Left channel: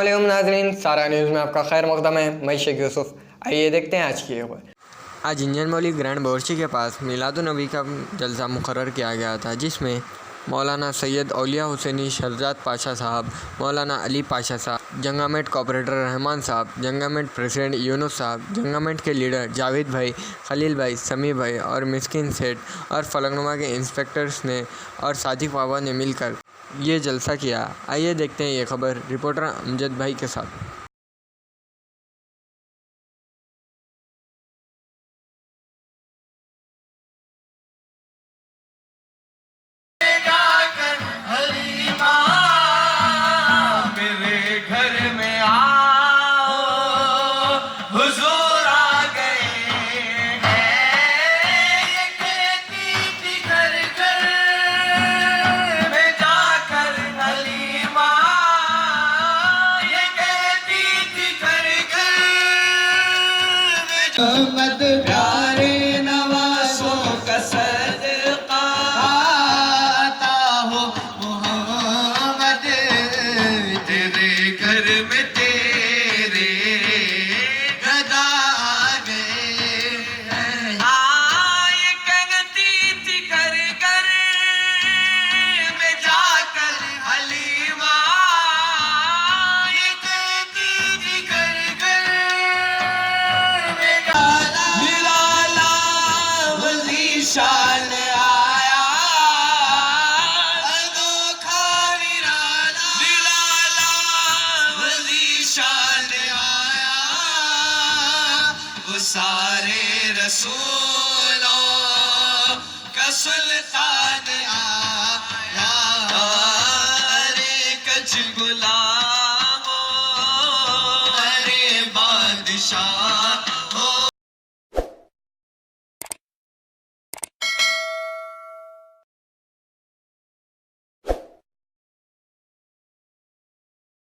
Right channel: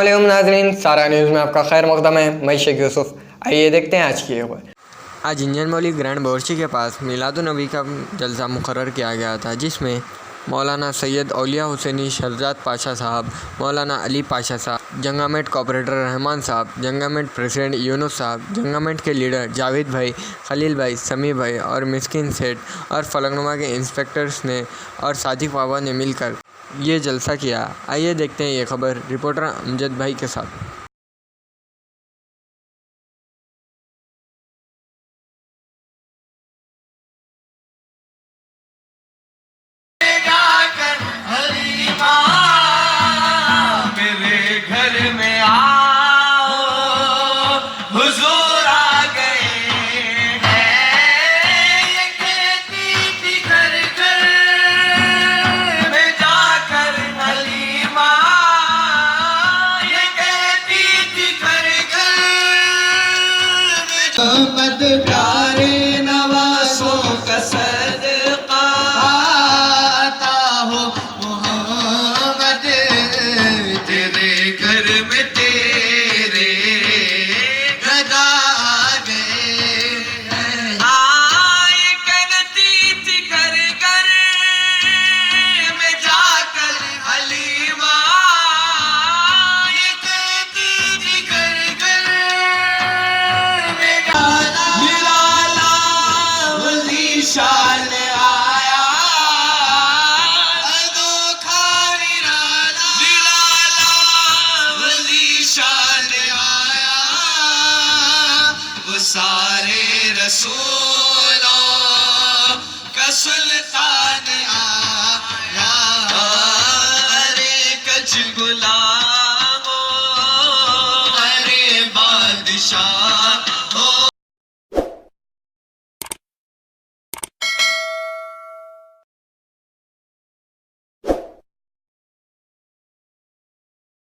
अस्सलामुअलैकुम नाज़रीन, सारा न्यूज़ में आपका खैर मकदम है। मैं शेख यूसुफ। आइए देखते हैं आज की खबर। आज इंजन बौली ग्रैंड बोर्ची के पास मिलाद नबी का जलसा मुकर्रर किया गया था, जिसमें मौलाना सैयद औलिया हुसैनी शहजाद पाशा साहब, मौलाना अली पाशा साहब, जंगामेट कॉपरेटर रहमान साहब, जंगामेट प्रेसिडेंट यूनुस साहब, जंगामेट के लीडर जावेद भाई, खलील भाई, समी भाई और मिस्किन सेठ और फलकनुमा के इंस्पेक्टर्स ने और सादिक बाबा ने मिलकर ये जलसा किया। आइए देखते हैं ये खबर रिपोर्टर अमजद भाई के साथ। घर में आओ, हुजूर आ गए हैं। ये कहती थी घर घर में जाकर हलीमा, ये कहती थी घर घर में मद प्यारे नवाजों का सदका आता हो मोहम्मद, तेरे घर में तेरे गदा गए। ये कहती थी घर घर में जाकर हलीमा, ये कहती थी घर घर में मिलाला वली शान आया, अनोखा निराला मिलाला वली शान आया। वो सारे रसूलों का सुल्तान आया। अरे कच गुलामों, अरे बादशाह